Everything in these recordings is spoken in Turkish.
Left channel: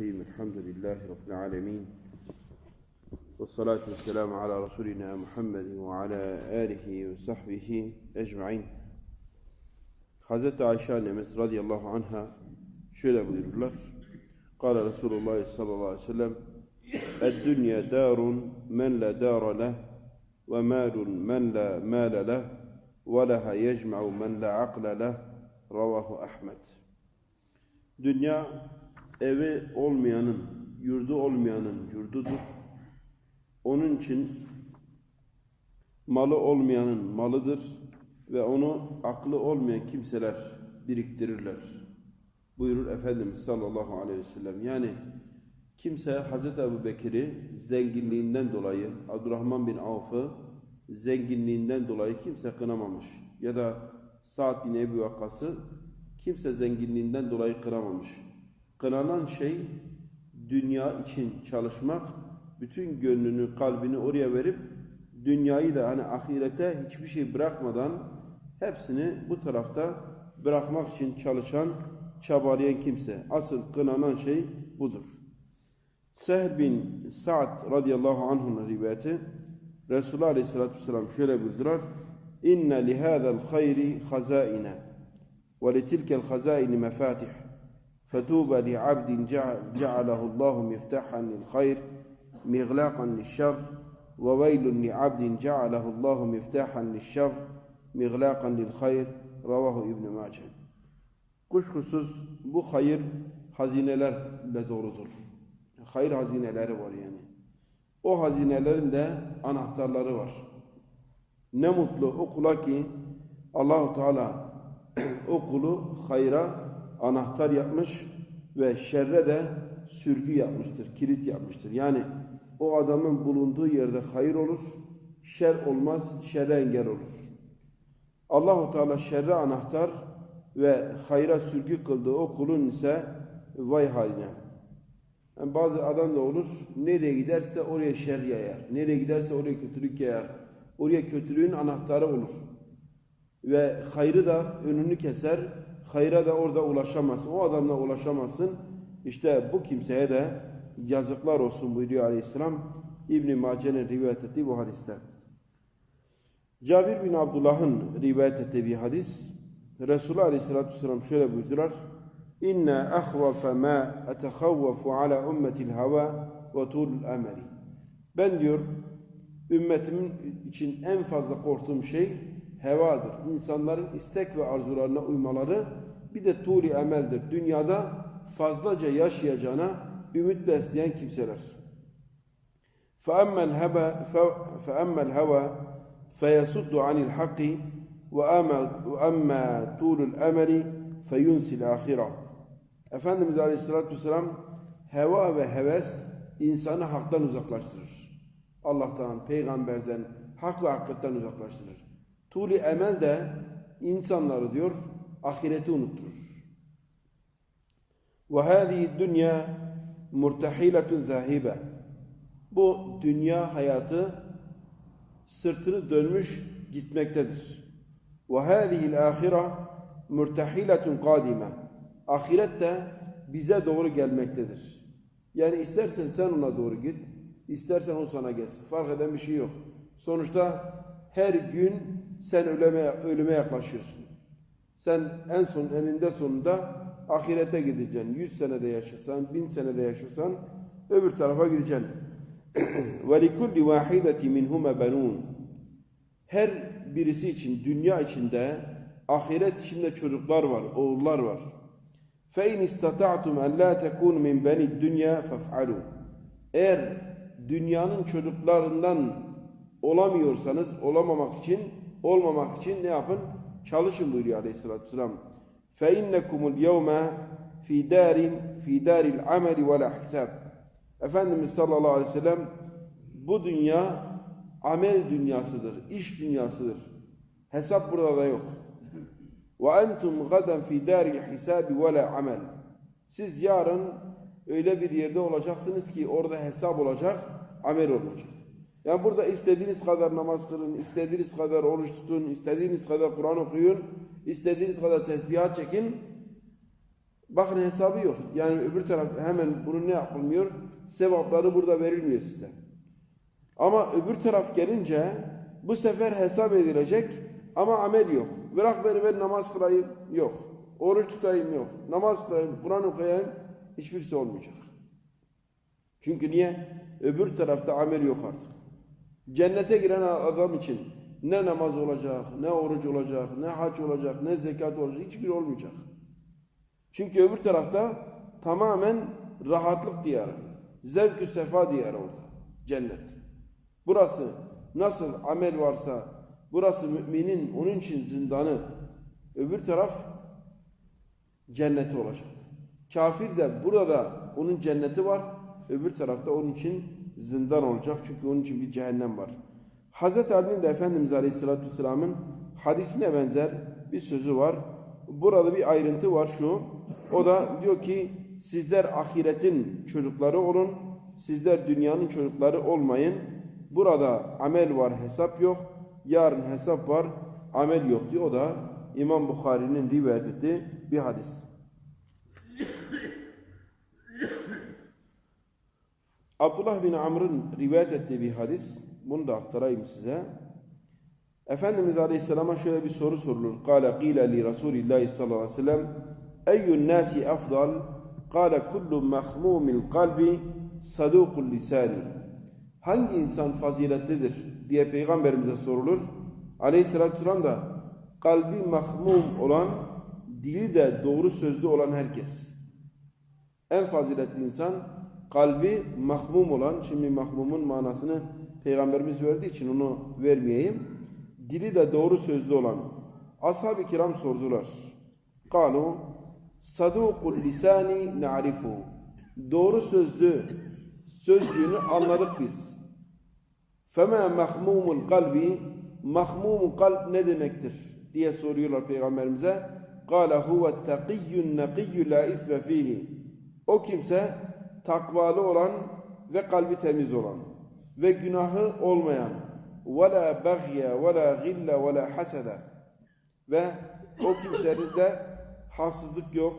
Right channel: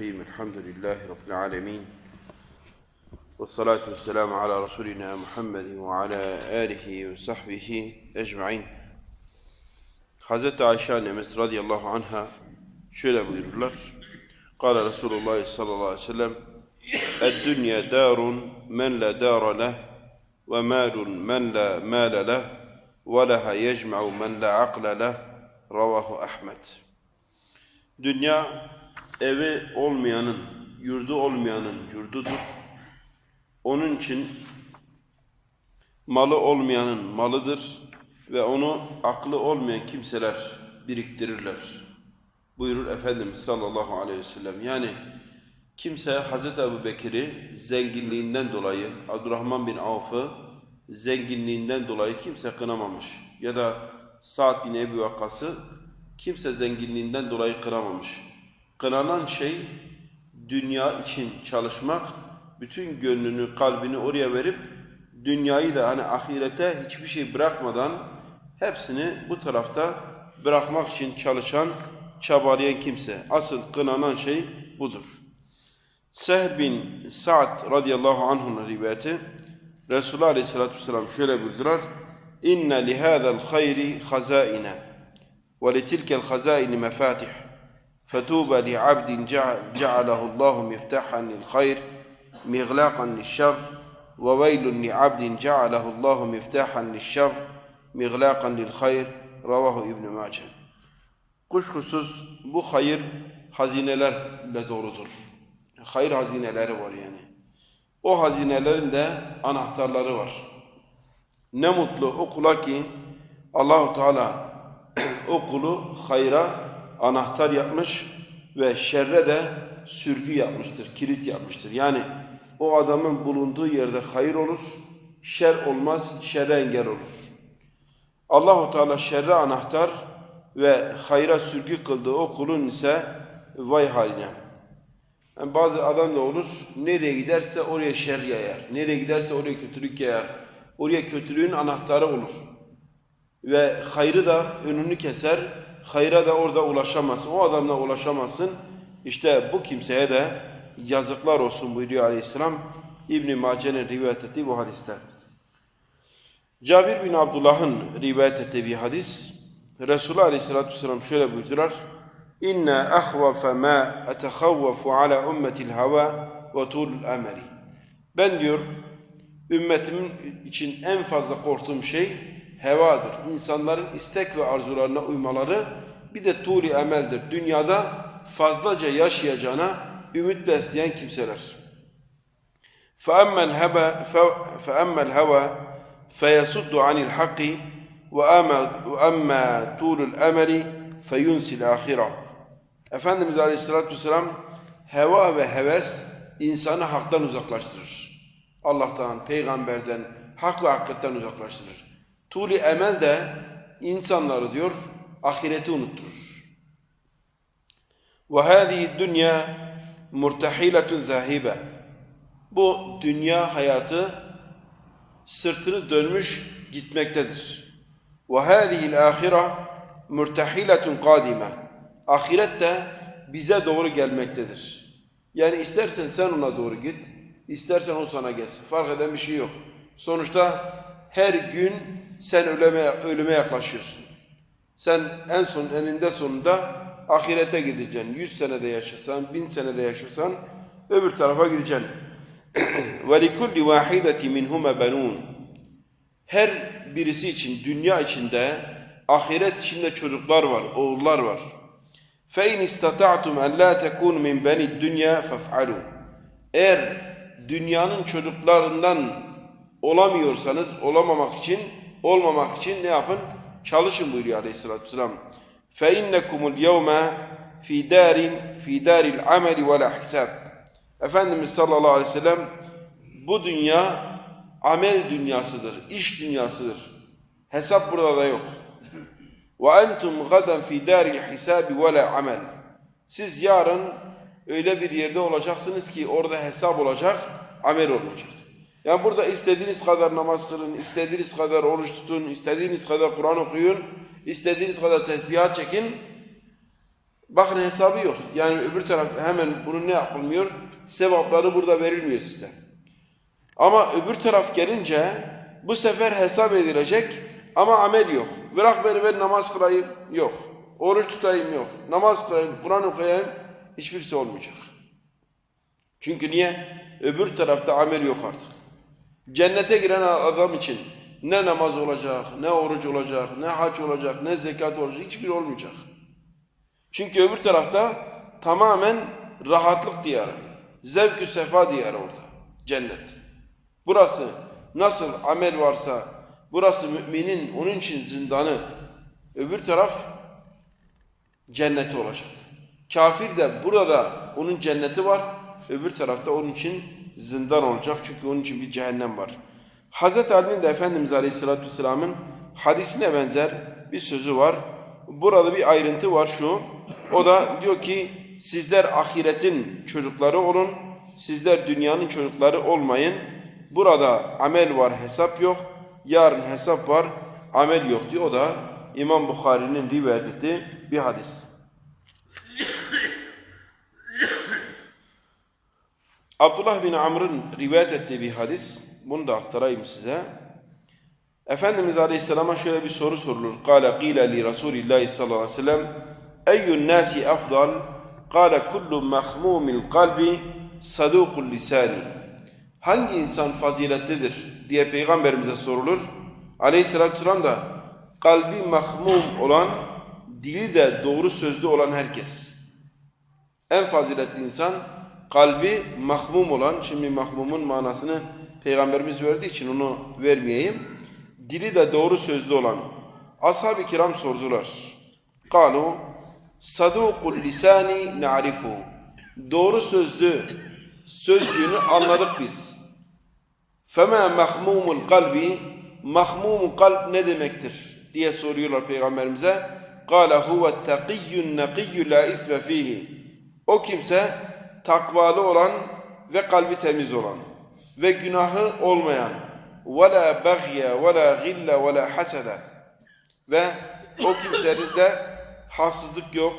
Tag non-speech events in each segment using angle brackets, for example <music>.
الرحيم الحمد لله رب العالمين والصلاة والسلام على رسولنا محمد وعلى آله وصحبه أجمعين. حضرت عائشة نمس رضي الله عنها شل الله قال رسول الله صلى الله عليه وسلم الدنيا دار من لا دار له ومال من لا مال له ولها يجمع من لا عقل له. رواه أحمد. دنيا evi olmayanın, yurdu olmayanın yurdudur. Onun için malı olmayanın malıdır ve onu aklı olmayan kimseler biriktirirler. Buyurur Efendimiz sallallahu aleyhi ve sellem. Yani kimse Hazreti Ebu Bekir'i zenginliğinden dolayı, Abdurrahman bin Avf'ı zenginliğinden dolayı kimse kınamamış. Ya da Sa'd bin Ebu Vakkas'ı kimse zenginliğinden dolayı kıramamış. Kınanan şey dünya için çalışmak, bütün gönlünü, kalbini oraya verip dünyayı da hani ahirete hiçbir şey bırakmadan hepsini bu tarafta bırakmak için çalışan, çabalayan kimse. Asıl kınanan şey budur. Sehl bin Sa'd radıyallahu anh'ın rivayeti Resulullah aleyhissalatü vesselam şöyle buyurdular. İnne lihâzel hayri hazaine ve litilkel hazaini mefatih فتوبى لعبد جعله الله مفتاحا للخير مغلاقا للشر وويل لعبد جعله الله مفتاحا للشر مغلاقا للخير رواه İbn Mace. Kuşkusuz bu hayır hazinelerle doğrudur. Hayır hazineleri var yani. O hazinelerin de anahtarları var. Ne mutlu o kula ki Allahu Teala <clears throat> o kulu hayra anahtar yapmış ve şerre de sürgü yapmıştır, kilit yapmıştır. Yani o adamın bulunduğu yerde hayır olur, şer olmaz, şerre engel olur. Allahu Teala şerre anahtar ve hayra sürgü kıldığı o kulun ise vay haline. Yani bazı adam da olur, nereye giderse oraya şer yayar, nereye giderse oraya kötülük yayar, oraya kötülüğün anahtarı olur. Ve hayrı da önünü keser, hayra da orada ulaşamazsın. O adamla ulaşamazsın. İşte bu kimseye de yazıklar olsun buyuruyor aleyhisselam. İbn-i Mace'nin rivayet ettiği bu hadiste. Cabir bin Abdullah'ın rivayet ettiği bir hadis. Resulullah aleyhissalatü vesselam şöyle buyurdular. İnne ahvafe ma etehavvafu ala ummetil hava ve tulul ameli. Ben diyor ümmetimin için en fazla korktuğum şey hevadır. İnsanların istek ve arzularına uymaları bir de tuli emeldir. Dünyada fazlaca yaşayacağına ümit besleyen kimseler. فَأَمَّا الْهَوَى فَأَمَّا الْهَوَى فَيَسُدُّ عَنِ الْحَقِّ وَأَمَّا طُولُ الْأَمَلِ فَيُنْسِ الْآخِرَةِ Efendimiz Aleyhisselatü Vesselam heva ve heves insanı haktan uzaklaştırır. Allah'tan, peygamberden, hak ve hakikatten uzaklaştırır. Tuli emel de insanları diyor ahireti unutturur. Ve hâzihi dünya murtahiletun zâhibe. Bu dünya hayatı sırtını dönmüş gitmektedir. Ve hâzihil âhira murtahiletun kâdime. Ahiret de bize doğru gelmektedir. Yani istersen sen ona doğru git, istersen o sana gelsin. Fark eden bir şey yok. Sonuçta her gün sen ölüme, ölüme yaklaşıyorsun. Sen en son eninde sonunda ahirete gideceksin. Yüz senede yaşasan, bin senede yaşasan öbür tarafa gideceksin. <clears throat> وَلِكُلِّ وَاحِدَةِ مِنْهُمَ بَنُونَ Her birisi için, dünya içinde, ahiret içinde çocuklar var, oğullar var. فَاِنْ اِسْتَطَعْتُمْ اَنْ لَا تَكُونُ مِنْ بَنِ الدُّنْيَا فَافْعَلُوا Eğer dünyanın çocuklarından olamıyorsanız olamamak için olmamak için ne yapın? Çalışın buyuruyor Aleyhisselatü Vesselam. فَاِنَّكُمُ الْيَوْمَ فِي دَارٍ فِي دَارِ الْعَمَلِ وَلَا حِسَابٍ Efendimiz sallallahu aleyhi ve sellem bu dünya amel dünyasıdır, iş dünyasıdır. Hesap burada da yok. وَاَنْتُمْ غَدًا فِي دَارِ الْحِسَابِ وَلَا عَمَلٍ Siz yarın öyle bir yerde olacaksınız ki orada hesap olacak, amel olmayacak. Yani burada istediğiniz kadar namaz kılın, istediğiniz kadar oruç tutun, istediğiniz kadar Kur'an okuyun, istediğiniz kadar tesbihat çekin. Bakın hesabı yok. Yani öbür taraf hemen bunu ne yapılmıyor? Sevapları burada verilmiyor size. Ama öbür taraf gelince bu sefer hesap edilecek ama amel yok. Bırak beni ben namaz kılayım yok. Oruç tutayım yok. Namaz kılayım, Kur'an okuyayım hiçbirisi olmayacak. Çünkü niye? Öbür tarafta amel yok artık. Cennete giren adam için ne namaz olacak, ne oruç olacak, ne hac olacak, ne zekat olacak hiçbir olmayacak. Çünkü öbür tarafta tamamen rahatlık diyarı. Zevk-ü sefa diyarı orada. Cennet. Burası nasıl amel varsa, burası müminin onun için zindanı. Öbür taraf cenneti olacak. Kafir de burada onun cenneti var. Öbür tarafta onun için zindan olacak. Çünkü onun için bir cehennem var. Hazreti Ali'nin de Efendimiz Aleyhisselatü Vesselam'ın hadisine benzer bir sözü var. Burada bir ayrıntı var şu. O da diyor ki sizler ahiretin çocukları olun. Sizler dünyanın çocukları olmayın. Burada amel var, hesap yok. Yarın hesap var, amel yok diyor. O da İmam Bukhari'nin rivayet ettiği bir hadis. Abdullah bin Amr'ın rivayet ettiği bir hadis. Bunu da aktarayım size. Efendimiz Aleyhisselam'a şöyle bir soru sorulur. Kale qile li Resulillahi sallallahu aleyhi ve sellem Eyyün nasi afdal? Kale kullu mahmumil kalbi sadukul lisani. Hangi insan faziletlidir diye Peygamberimize sorulur. Aleyhisselatü vesselam da kalbi mahmum olan, dili de doğru sözlü olan herkes. En faziletli insan kalbi mahmum olan, şimdi mahmumun manasını Peygamberimiz verdiği için onu vermeyeyim. Dili de doğru sözlü olan. Ashab-ı kiram sordular. Kalu, sadukul lisani na'rifu. Doğru sözlü sözcüğünü anladık biz. Fema mahmumul kalbi, mahmumul kalp ne demektir diye soruyorlar Peygamberimize. Kale huve takiyyun nakiyyü la isme fihi. O kimse takvalı olan ve kalbi temiz olan ve günahı olmayan ve la bagye ve la gille ve o kimsenin de haksızlık yok,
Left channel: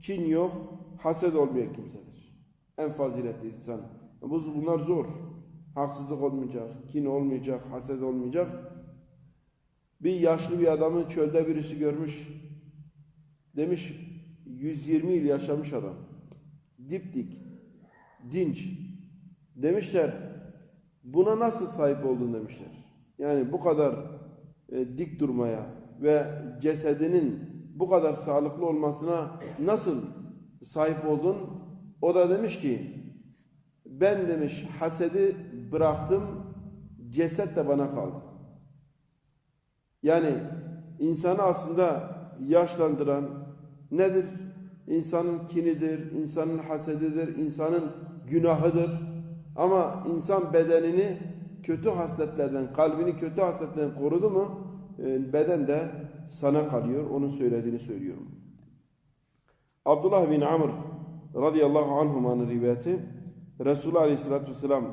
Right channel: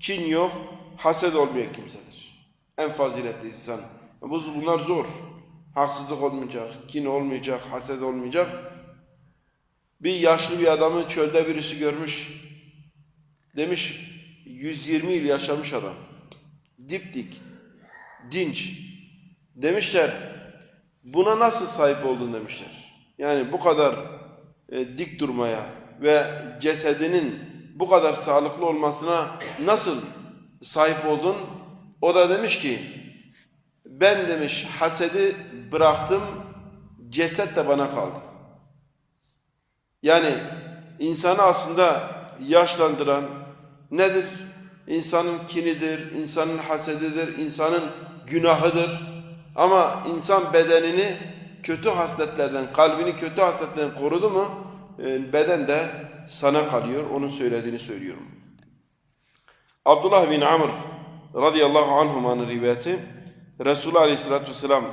kin yok, haset olmayan kimsedir. En faziletli insan. Bu Bunlar zor. Haksızlık olmayacak, kin olmayacak, haset olmayacak. Bir yaşlı bir adamı çölde birisi görmüş. Demiş 120 yıl yaşamış adam. Dipdik, dinç. Demişler buna nasıl sahip oldun demişler. Yani bu kadar e, dik durmaya ve cesedinin bu kadar sağlıklı olmasına nasıl sahip oldun? O da demiş ki ben demiş hasedi bıraktım ceset de bana kaldı. Yani insanı aslında yaşlandıran nedir? İnsanın kinidir, insanın hasedidir, insanın günahıdır. Ama insan bedenini kötü hasletlerden, kalbini kötü hasletlerden korudu mu e, beden de sana kalıyor. Onun söylediğini söylüyorum. Abdullah bin Amr radıyallahu anhumanın rivayeti Resulullah aleyhissalatü vesselam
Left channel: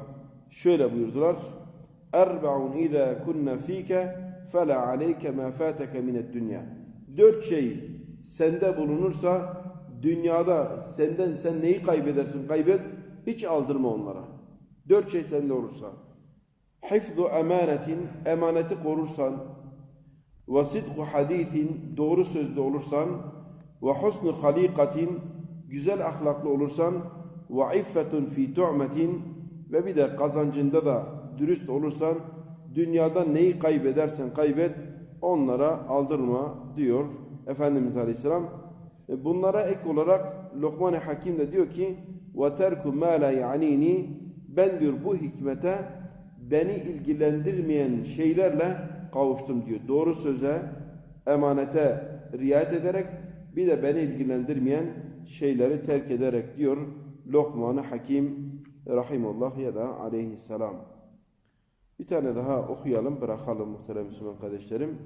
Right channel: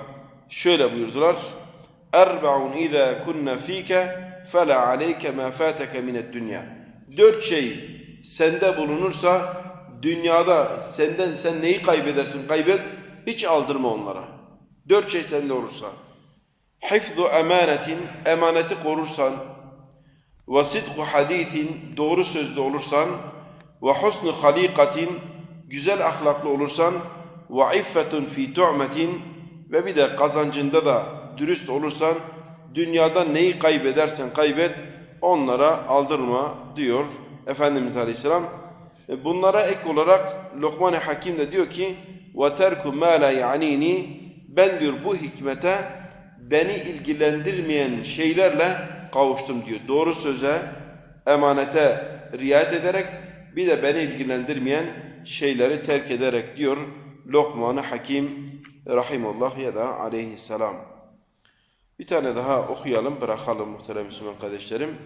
şöyle buyurdular. Erba'un izâ kunne fîke fela aleyke mâ fâteke minet dünya. Dört şey sende bulunursa dünyada senden sen neyi kaybedersin kaybet hiç aldırma onlara. Dört şey sende olursa. Hifzu emanetin emaneti korursan ve sidku hadisin doğru sözlü olursan ve husnu halikatin güzel ahlaklı olursan ve iffetun fi tu'metin ve bir de kazancında da dürüst olursan dünyada neyi kaybedersen kaybet onlara aldırma diyor Efendimiz Aleyhisselam. E, bunlara ek olarak Lokman-ı Hakim de diyor ki ve terku ma la yanini ben diyor bu hikmete beni ilgilendirmeyen şeylerle kavuştum diyor. Doğru söze, emanete riayet ederek bir de beni ilgilendirmeyen şeyleri terk ederek diyor Lokman-ı Hakim Rahimullah ya da aleyhisselam. Bir tane daha okuyalım, bırakalım muhterem Müslüman kardeşlerim.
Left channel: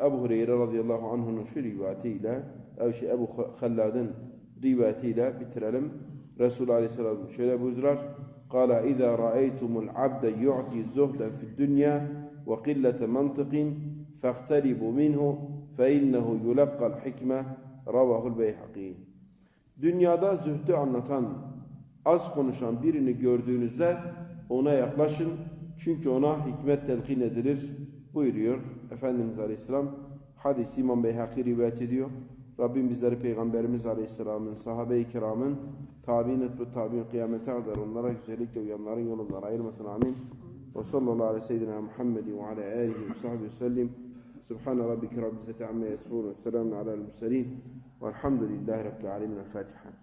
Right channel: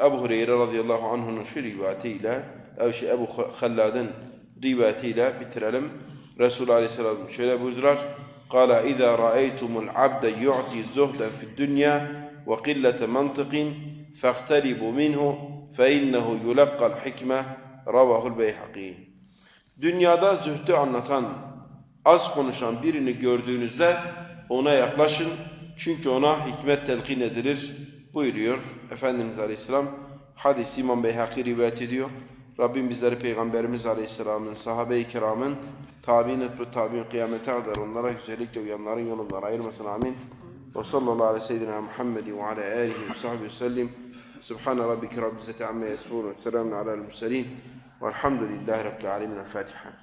Ebu Hureyre radıyallahu anh'ın şu rivayetiyle, şey Ebu Hallad'ın rivayetiyle bitirelim. Resulullah aleyhisselam şöyle buyurdular. قال إذا رأيتم العبد يعطي زهدا في الدنيا وقلة منطق فاقتربوا منه فإنه يلقى الحكمة رواه البيهقي Dünyada zühdü anlatan, az konuşan birini gördüğünüzde ona yaklaşın. Çünkü ona hikmet telkin edilir buyuruyor Efendimiz Aleyhisselam. Hadis İmam Beyhaki rivayet ediyor. Rabbim bizleri Peygamberimiz Aleyhisselam'ın, sahabe-i kiramın, tabi'in etbi tabi'in kıyamete kadar onlara güzellikle uyanların yolundan ayırmasın amin. Ve sallallahu aleyhi ve seyyidina Muhammedin ve ala alihi ve sahbihi sellim. Subhane rabbike rabbil izzeti amma yasifun ve selamun alel murselin. Velhamdülillahi rabbil alemin. El Fatiha.